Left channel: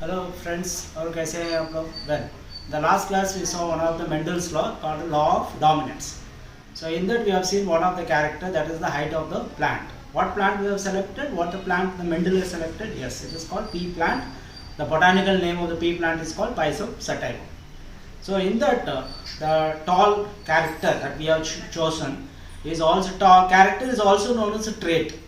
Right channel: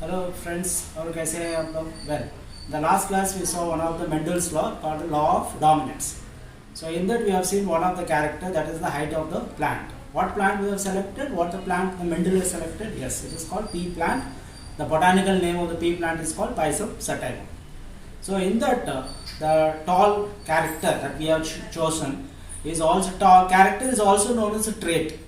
Hello friends, और कैसे हैं आप लोग? Well, the last class we saw one of the Mendel's law called the law of dominance. So in that we have seen one of the character, that is the height of the plant. What plant we have selected? What the plant the Mendel has selected? Yes, it is called pea plant. The botanical name of the pea plant is called Pisum sativum. So in that the tall character that we have chosen is also tall character is also known as a trait.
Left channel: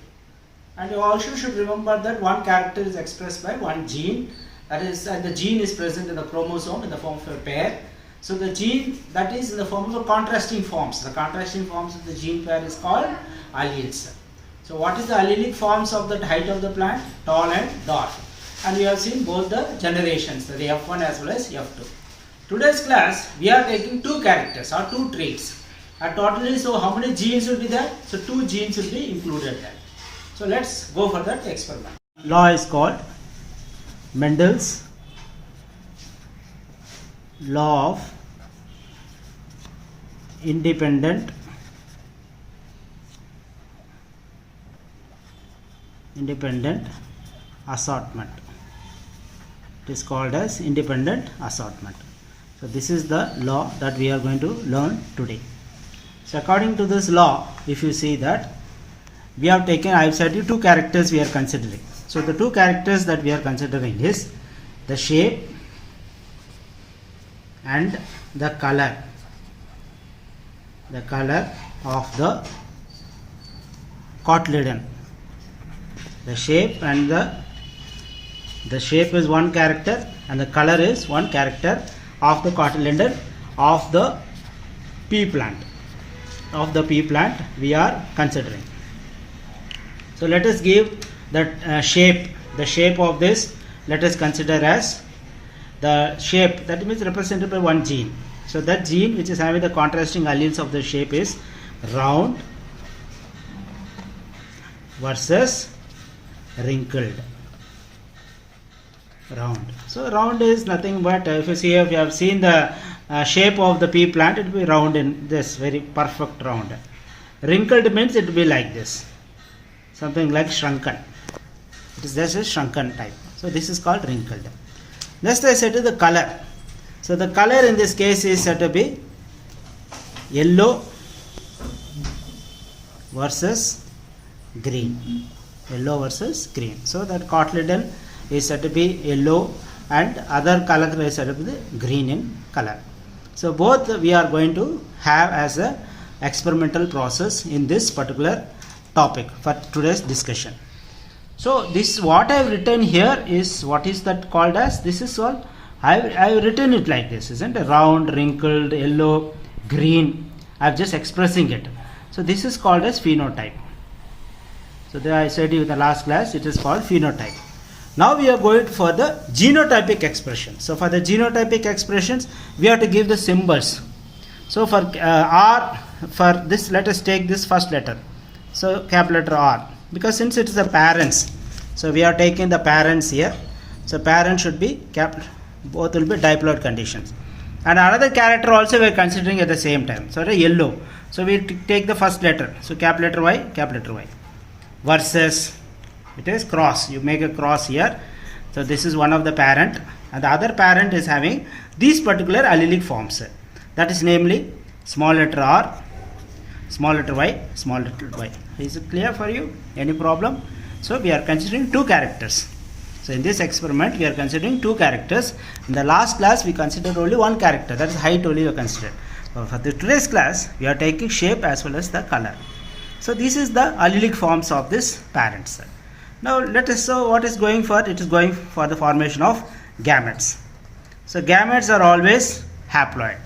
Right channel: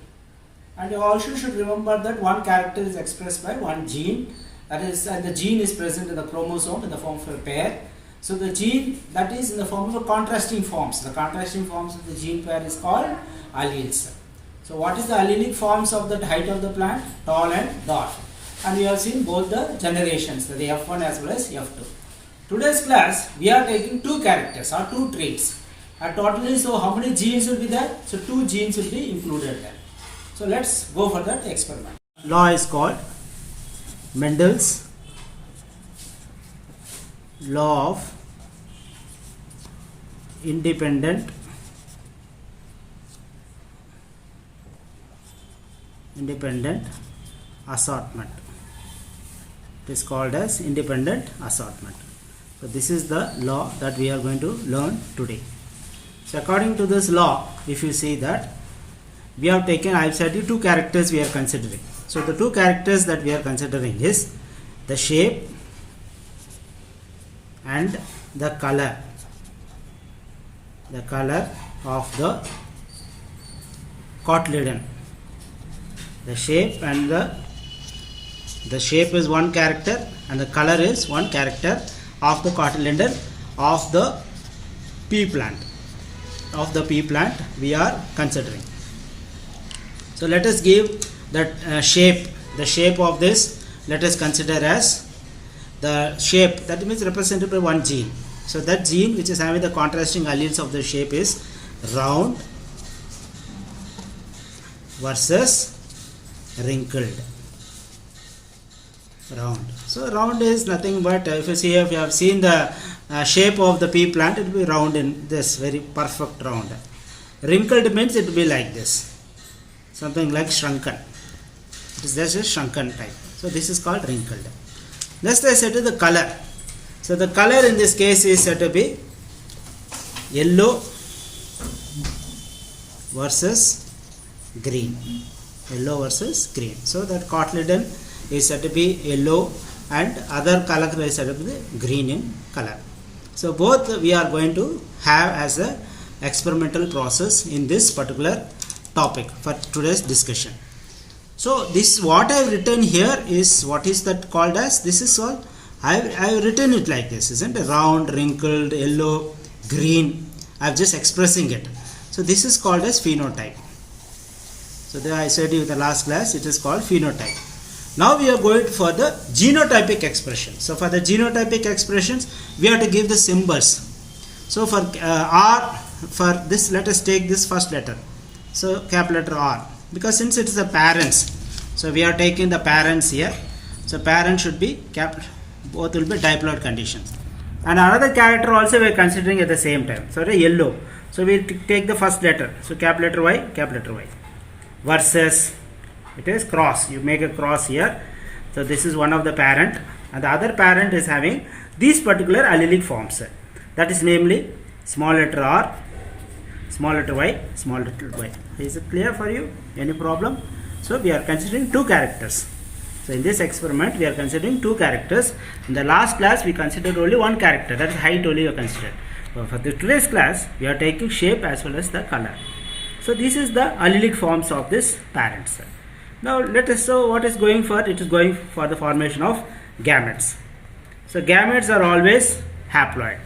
And you also should remember that one character is expressed by one gene, that is, and the gene is present in the chromosome in the form of a pair. So the gene that is in the form of a contrasting forms. The contrasting forms of the gene pair is called alleles. So what is the allelic forms of the height of the plant? Tall and dwarf. And we have seen both the generations, the F1 as well as F2. Today's class we are taking two characters or two traits. And totally, so how many genes will be there? So two genes will be included there. So let's go for that experiment. Law is called Mendel's law of independent assortment. It is called as independent assortment. So this is the law that we are going to learn today. So according to this law, if you see that we have taken, I have said you two characters we are considering. So the two characters that we are considering is the shape and the color of the cotyledon. The shape and the shape is one character and the color is one character of the cotyledon of the pea plant. Of the pea plant we are considering. So let us give that shape. The shape of this, let us consider as the shape, that means represented by one gene. So that gene which is having the contrasting alleles of the shape is round versus wrinkled. Round. So round is nothing but, if you have seen the shape of the pea plant, it will be round in this very perfect round. Wrinkled means it will be like this, something like shrunken. It is just a shrunken type. So this is called wrinkled. Next I said to the color. So the color in this case is said to be yellow versus green. Yellow versus green. So that cotyledon is said to be yellow and other color is said to be green in color. So both we are going to have as a experimental process in this particular topic for today's discussion. So this what I have written here is what is that called as, this is all I have written it like this, isn't it? Round, wrinkled, yellow, green. I am just expressing it. So this is called as phenotype. So there I said in the last class it is called phenotype. Now we are going for the genotypic expression. So for the genotypic expressions we have to give the symbols. So for R, for this let us take this first letter. So capital letter R, because since it is the parents, so we are taking the parents here. So parent should be capital, both will be diploid conditions. And another character also we are considering at the same time. So the yellow. So we take the first letter. So capital letter Y. Versus, it is cross. You make a cross here. So this is one of the parent, and the other parent is having these particular allelic forms. That is namely small letter R, small letter y, small letter y. Is it clear for you? Any problem? So we are considering two characters. So in this experiment we are considering two characters. In the last class we considered only one character, that is height only we considered. So for today's class we are taking shape as well as the color. So this is the allelic forms of this parents. Now let us show what is going for. It is going for the formation of gametes. So gametes are always haploid.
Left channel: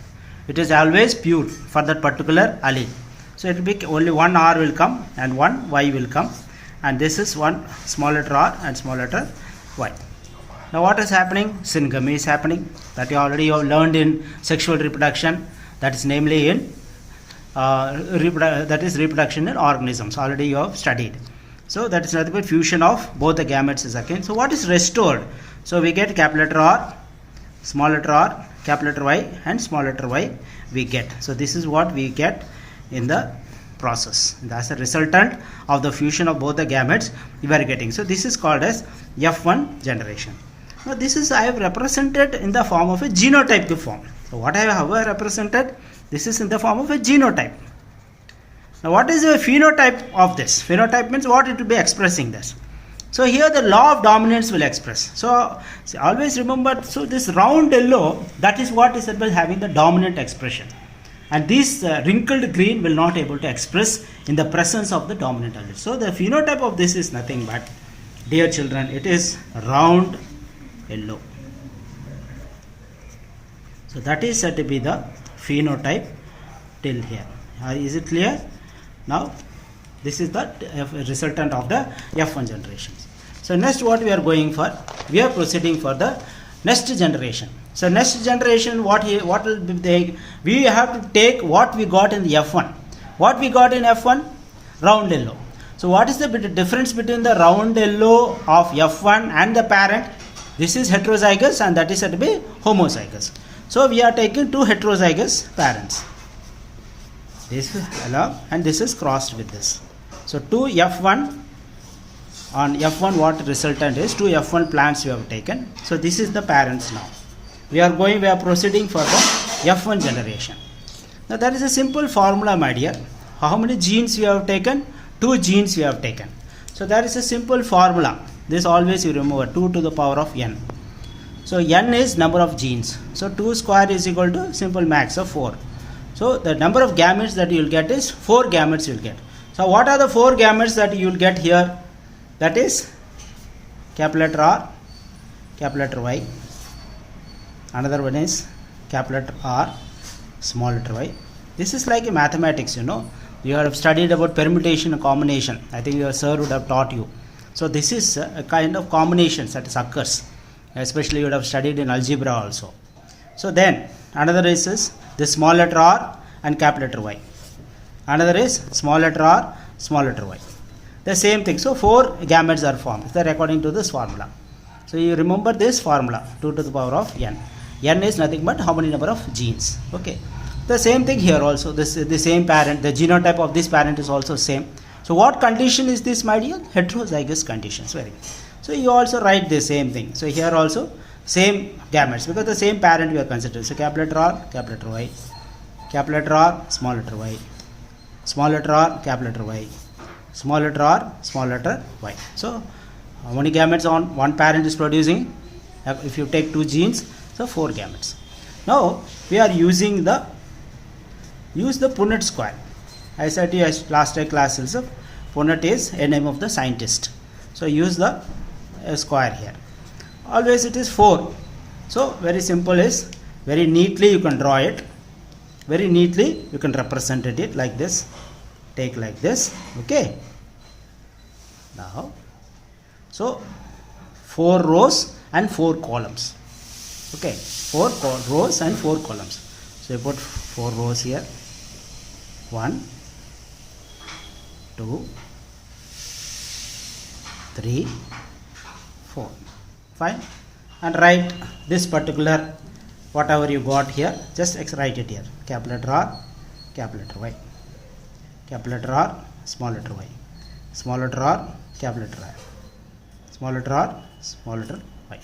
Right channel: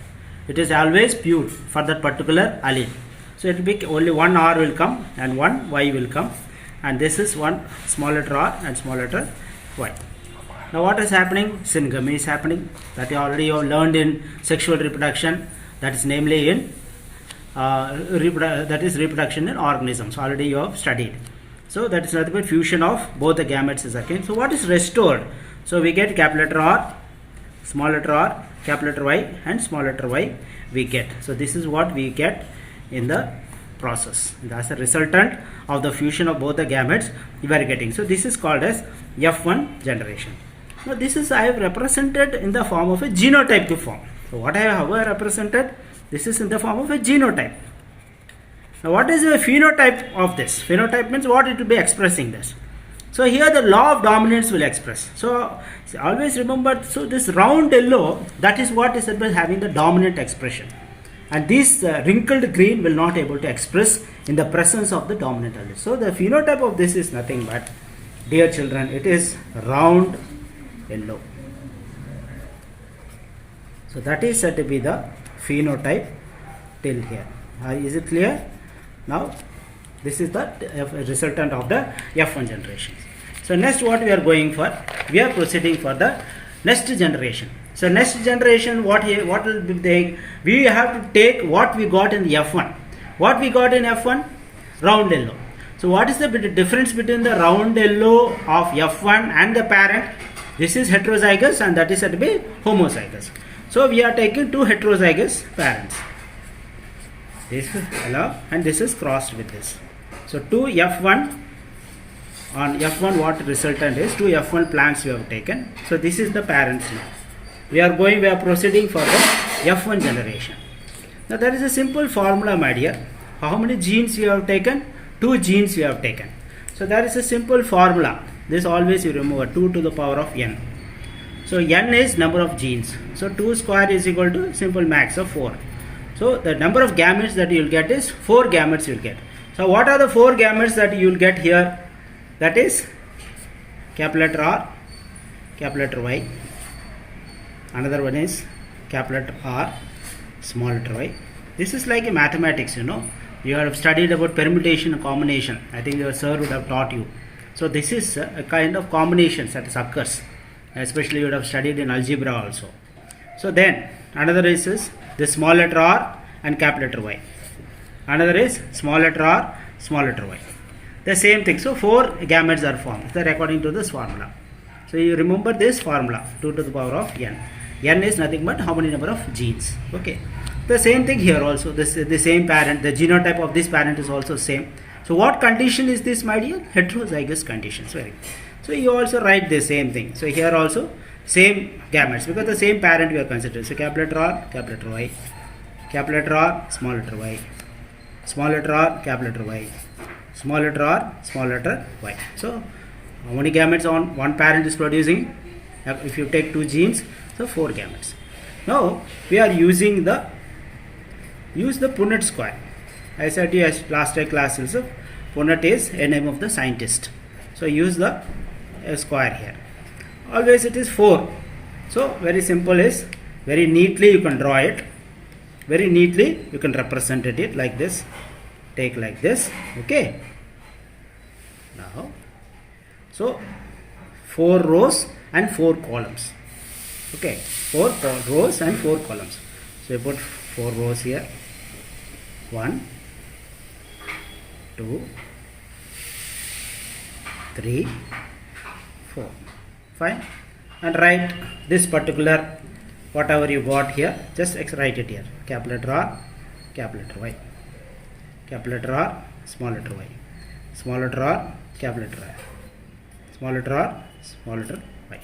It is always pure for that particular allele. So it will be only one R will come and one Y will come, and this is one small letter R and small letter Y. Now what is happening? Syngamy is happening, that you already have learned in sexual reproduction, that is namely in reproduction in organisms, already you have studied. So that is nothing but fusion of both the gametes is again. So what is restored? So we get capital letter R, small letter R, capital letter Y and small letter Y we get. So this is what we get in the process. That's a resultant of the fusion of both the gametes we are getting. So this is called as F1 generation. Now this is I have represented in the form of a genotype form. So what I have represented, this is in the form of a genotype. Now what is the phenotype of this? Phenotype means what it will be expressing this. So here the law of dominance will express. So always remember, so this round yellow, that is what is having the dominant expression. And this wrinkled green will not able to express in the presence of the dominant allele. So the phenotype of this is nothing but, dear children, it is round yellow. So that is said to be the phenotype till here. Is it clear? Now this is the resultant of the F1 generations. So next what we are going for, we are proceeding for the next generation. So next generation, what will be the, we have to take what we got in the F1. What we got in F1? Round yellow. So what is the difference between the round yellow of F1 and the parent? This is heterozygous and that is said to be homozygous. So we are taking two heterozygous parents. This and this is crossed with this. So two F1, on F1 what resultant is, two F1 plants we have taken. So this is the parents now. We are proceeding for the F1 generation. Now there is a simple formula, my dear. How many genes we have taken? Two genes we have taken. So there is a simple formula. This always you remember, 2 to the power of n. So n is number of genes. So 2 square is equal to simple max of 4. So the number of gametes that you will get is 4 gametes you will get. So what are the 4 gametes that you will get here? That is capital letter R, capital letter Y. Another one is capital letter R, small letter y. This is like a mathematics, you know. You have studied about permutation and combination. I think your sir would have taught you. So this is a kind of combinations that occurs. Especially you would have studied in algebra also. So then another is the small letter R and capital letter Y. Another is small letter R, small letter Y. The same thing. So 4 gametes are formed. That according to this formula. So you remember this formula, 2 to the power of n. N is nothing but how many number of genes. Okay. The same thing here also. This is the same parent. The genotype of this parent is also same. So what condition is this, my dear? Heterozygous conditions. Very good. So you also write the same thing. So here also same gametes because the same parent we are considering. So capital letter R, capital letter Y, capital letter R, small letter y, small letter R, capital letter Y, small letter R, small letter Y. So how many gametes on one parent is producing? If you take 2 genes, so 4 gametes. Now we are using the Punnett square. I said to you last class also, Punnett is a name of the scientist. So use the square here. Always it is 4. So very simple is, very neatly you can draw it. Very neatly you can represent it like this. Take like this. Okay. Now, so 4 rows and 4 columns. Okay, 4 rows and 4 columns. So you put 4 rows here. 1, 2, 3, 4. Fine. And write this particular whatever you got here. Just write it here. Capital letter R, capital letter Y. Capital letter R, small letter y. Small letter R, capital letter R. Small letter R, small letter y.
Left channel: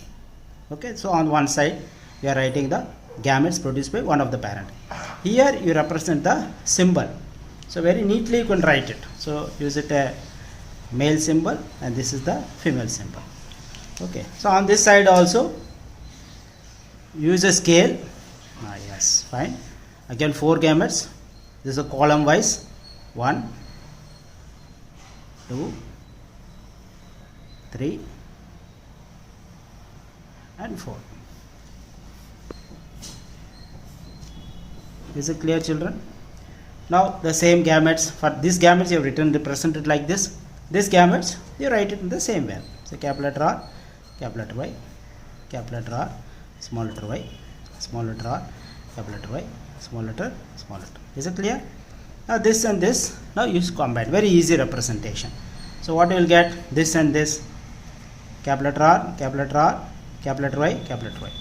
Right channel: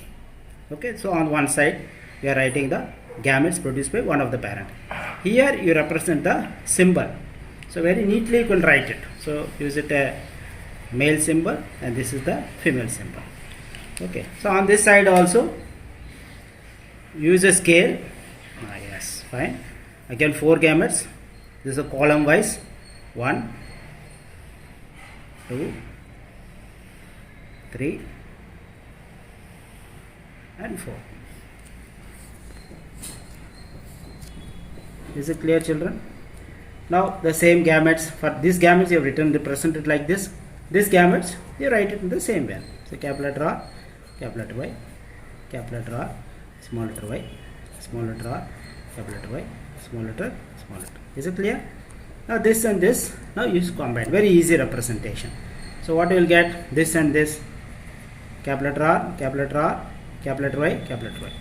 Okay, so on one side we are writing the gametes produced by one of the parent. Here you represent the symbol. So very neatly you can write it. So use it a male symbol and this is the female symbol. Okay, so on this side also use a scale. Yes, fine. Again 4 gametes. This is a column wise. 1, 2, 3 and 4. Is it clear, children? Now the same gametes, for these gametes you have written represented like this. These gametes you write it in the same way. So capital letter R, capital letter Y, capital letter R, small letter y, small letter R, capital letter Y, small letter, small letter. Is it clear? Now this and this, now use combine. Very easy representation. So what you will get? This and this. Capital letter R, capital letter R, capital letter Y, capital letter Y.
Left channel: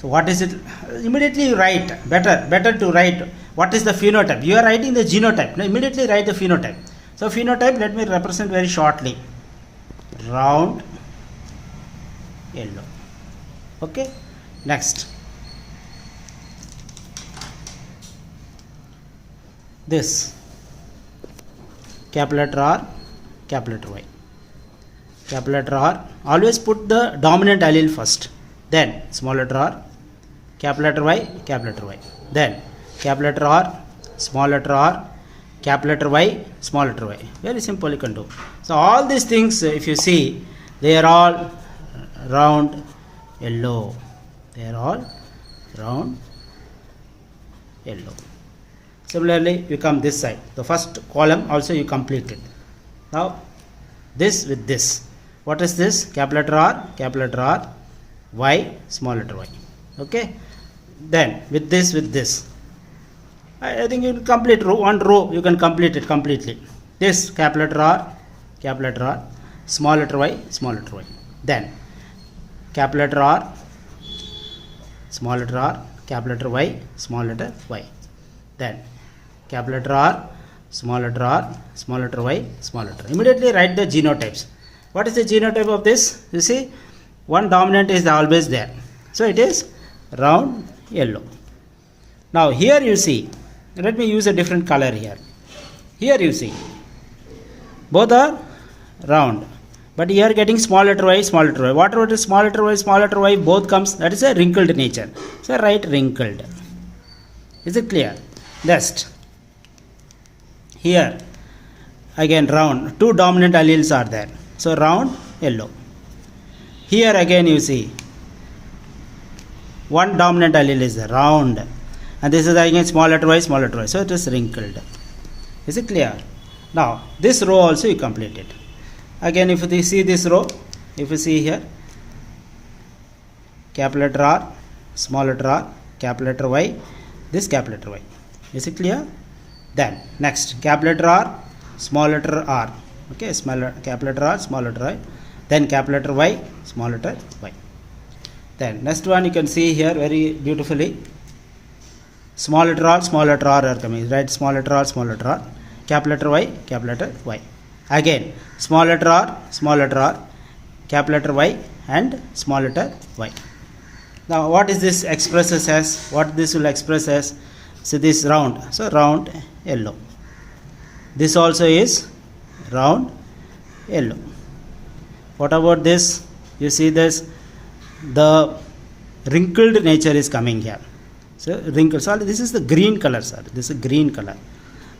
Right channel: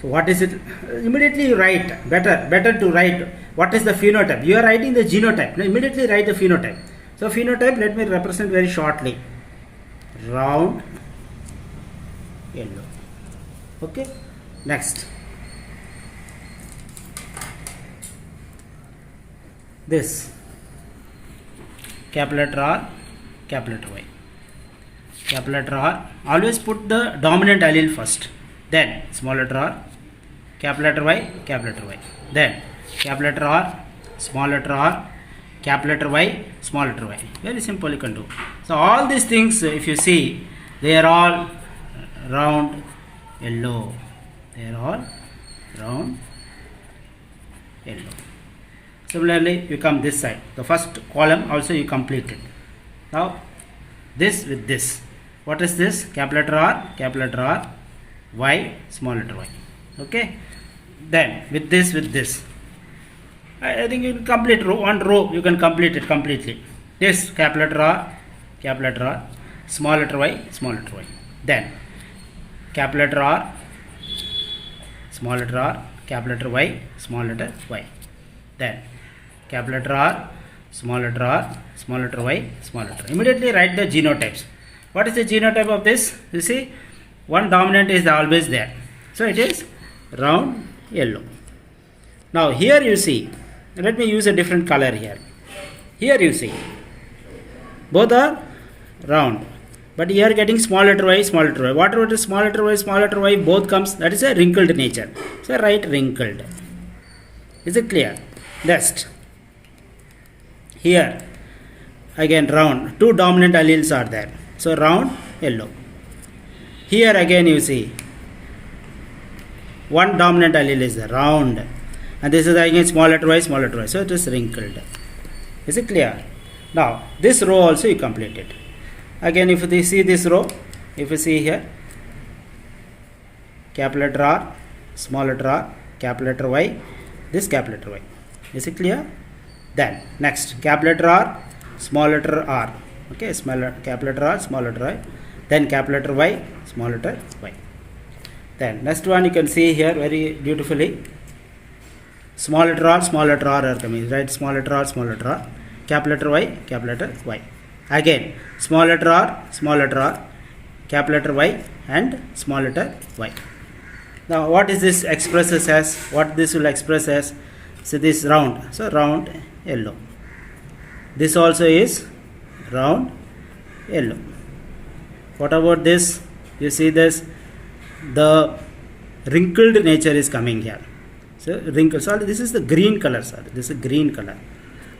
So what is it? Immediately you write. Better to write what is the phenotype. You are writing the genotype. Now immediately write the phenotype. So phenotype, let me represent very shortly. Round yellow. Okay, next this capital letter R, capital letter Y. Capital letter R, always put the dominant allele first, then small letter R, capital letter Y, capital letter Y, then capital letter R, small letter R, capital letter Y, small letter Y. Very simple you can do. So all these things, if you see, they are all round yellow. They are all round yellow. Similarly, you come this side. The first column also you complete it. Now, this with this. What is this? Capital letter R, Y, small letter Y. Okay. Then with this. I think you can complete one row. You can complete it completely. This capital letter R, small letter Y, small letter Y. Then capital letter R, small letter R, capital letter Y, small letter Y. Then capital letter R, small letter Y, small letter. Immediately write the genotypes. What is the genotype of this? You see, one dominant is always there. So it is round yellow. Now here you see, let me use a different color here. Here you see, both are round. But here getting small letter Y, small letter Y. Whatever is small letter Y, both comes, that is a wrinkled nature. So write wrinkled. Is it clear? Next. Here again round, two dominant alleles are there. So round yellow. Here again you see, one dominant allele is there, round. And this is again small letter Y, small letter Y. So it is wrinkled. Is it clear? Now this row also you complete it. Again, if you see this row, if you see here, capital letter R, small letter R, capital letter Y, this capital letter Y. Is it clear? Then next, capital letter R, small letter R. Okay, capital letter R, small letter Y. Then capital letter Y, small letter Y. Then next one you can see here very beautifully. Small letter R are coming. Right, small letter R, capital letter Y, capital letter Y. Again, small letter R, capital letter Y, and small letter Y. Now, what is this expresses as? What this will express as? So this round. So round yellow. This also is round yellow. What about this? You see this? The wrinkled nature is coming here. So wrinkle. So this is the green color, sir. This is green color.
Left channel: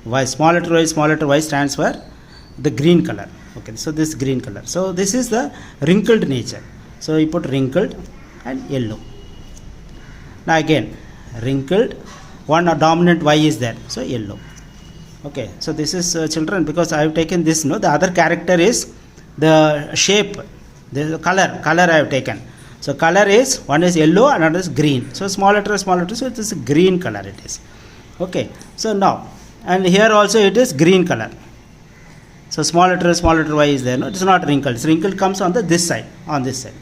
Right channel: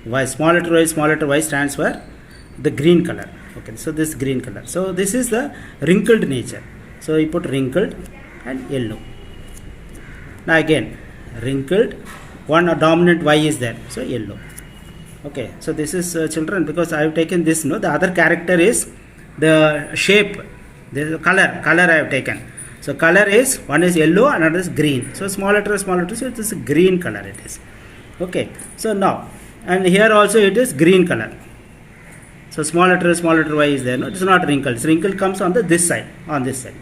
Y, small letter Y stands for the green color. Okay, so this green color. So this is the wrinkled nature. So you put wrinkled and yellow. Now again, wrinkled, one dominant Y is there. So yellow. Okay, so this is children, because I have taken this. No, the other character is the shape, the color I have taken. So color is, one is yellow, another is green. So small letter, so it is green color it is. Okay, so now, and here also it is green color. So small letter Y is there. No, it is not wrinkled. So wrinkle comes on this side, on this side.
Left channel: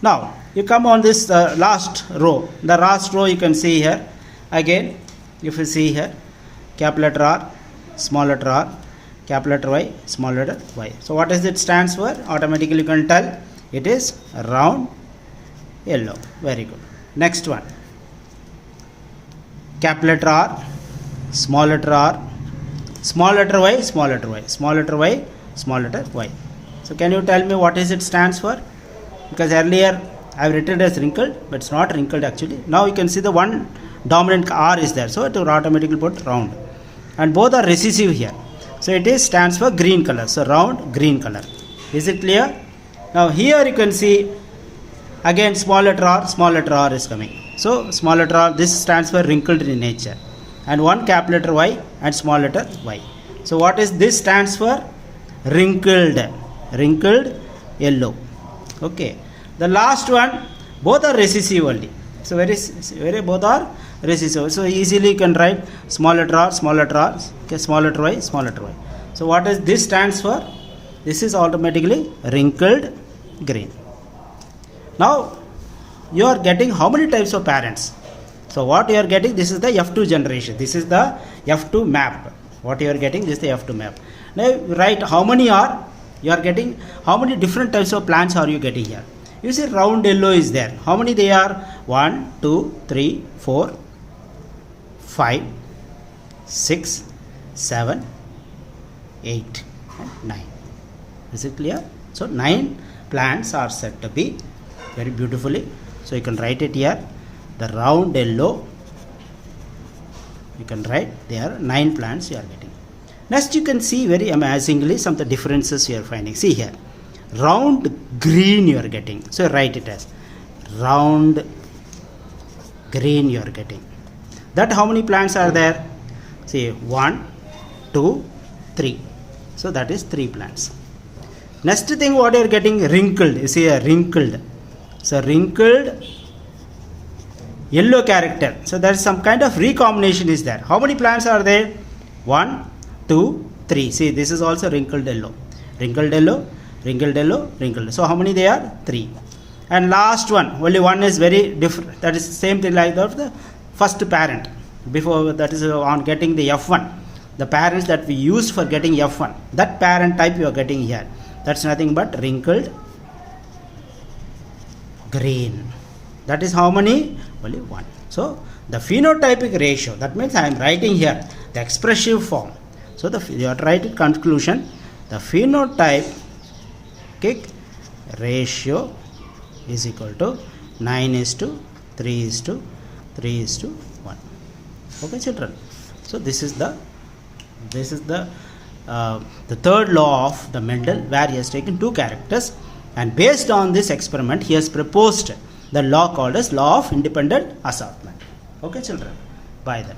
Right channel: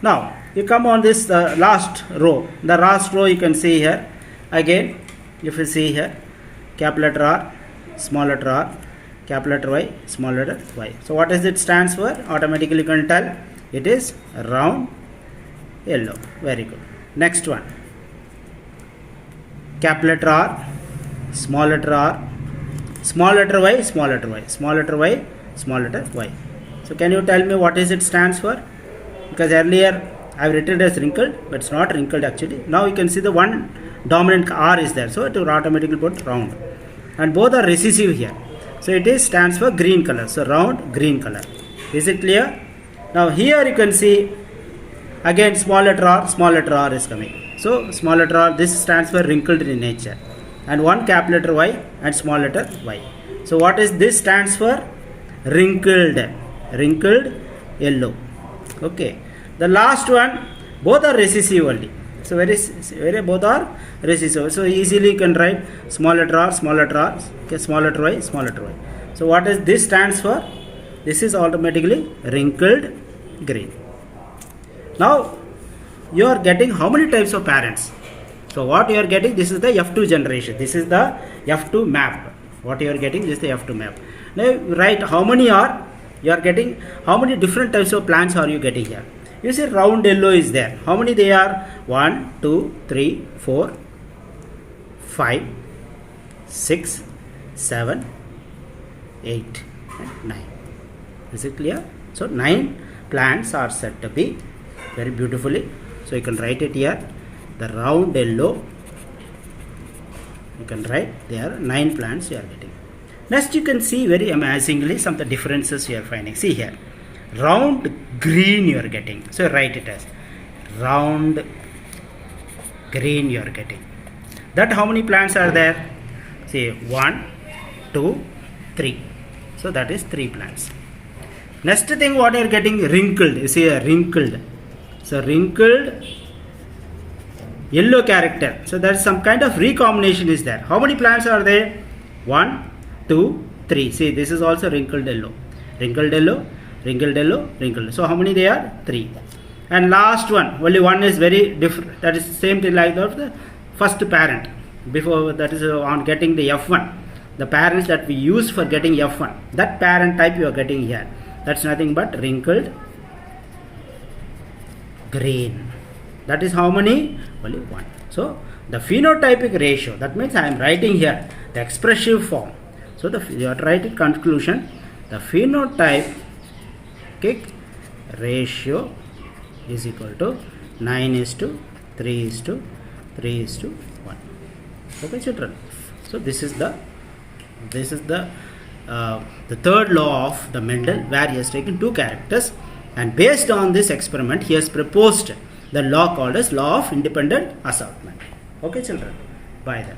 Now you come on this last row. The last row you can see here. Again, if you see here, capital letter R, small letter R, capital letter Y, small letter Y. So what is it stands for? Automatically you can tell it is round yellow. Very good. Next one. Capital letter R, small letter R, small letter Y, small letter Y, small letter Y, small letter Y. So can you tell me what is it stands for? Because earlier I have written as wrinkled, but it's not wrinkled actually. Now you can see the one dominant R is there, so it will automatically put round. And both are recessive here. So it is stands for green color. So round green color. Is it clear? Now here you can see again small letter R is coming. So small letter R, this stands for wrinkled in nature. And one capital letter Y and small letter Y. So what is this stands for? Wrinkled yellow. Okay. The last one, both are recessive only. So very both are recessive. So easily you can write small letter R, okay, small letter Y, small letter Y. So what is this stands for? This is automatically wrinkled green. Now you are getting how many types of parents? So what you are getting, this is the F2 generation. This is the F2 map. What you are getting, this is the F2 map. Now write how many are, you are getting, how many different types of plants are you getting here? You see round yellow is there. How many they are? 1, 2, 3, 4, 5, 6, 7, 8, and 9. Is it clear? So 9 plants are said to be very beautifully. So you can write it here. The round yellow. You can write there 9 plants you are getting. Next you can see very amazingly some of the differences you are finding. See here. Round green you are getting. So write it as round green you are getting. That how many plants are there? See 1, 2, 3. So that is 3 plants. Next thing what you are getting, wrinkled. You see a wrinkled. So wrinkled yellow character. So there is some kind of recombination is there. How many plants are there? 1, 2, 3. See this is also wrinkled yellow. Wrinkled yellow, wrinkled yellow, wrinkled. So how many they are? 3. And last one, only one is very different. That is the same thing like of the first parent. Before that is on getting the F1. The parents that we use for getting F1. That parent type you are getting here. That's nothing but wrinkled green. That is how many? Only 1. So the phenotypic ratio, that means I am writing here the expressive form. So you have to write it conclusion. The phenotypic ratio is equal to 9:3:3:1. Okay, children. So this is the third law of the Mendel, where he has taken 2 characters, and based on this experiment he has proposed the law called as law of independent assortment. Okay children, bye then.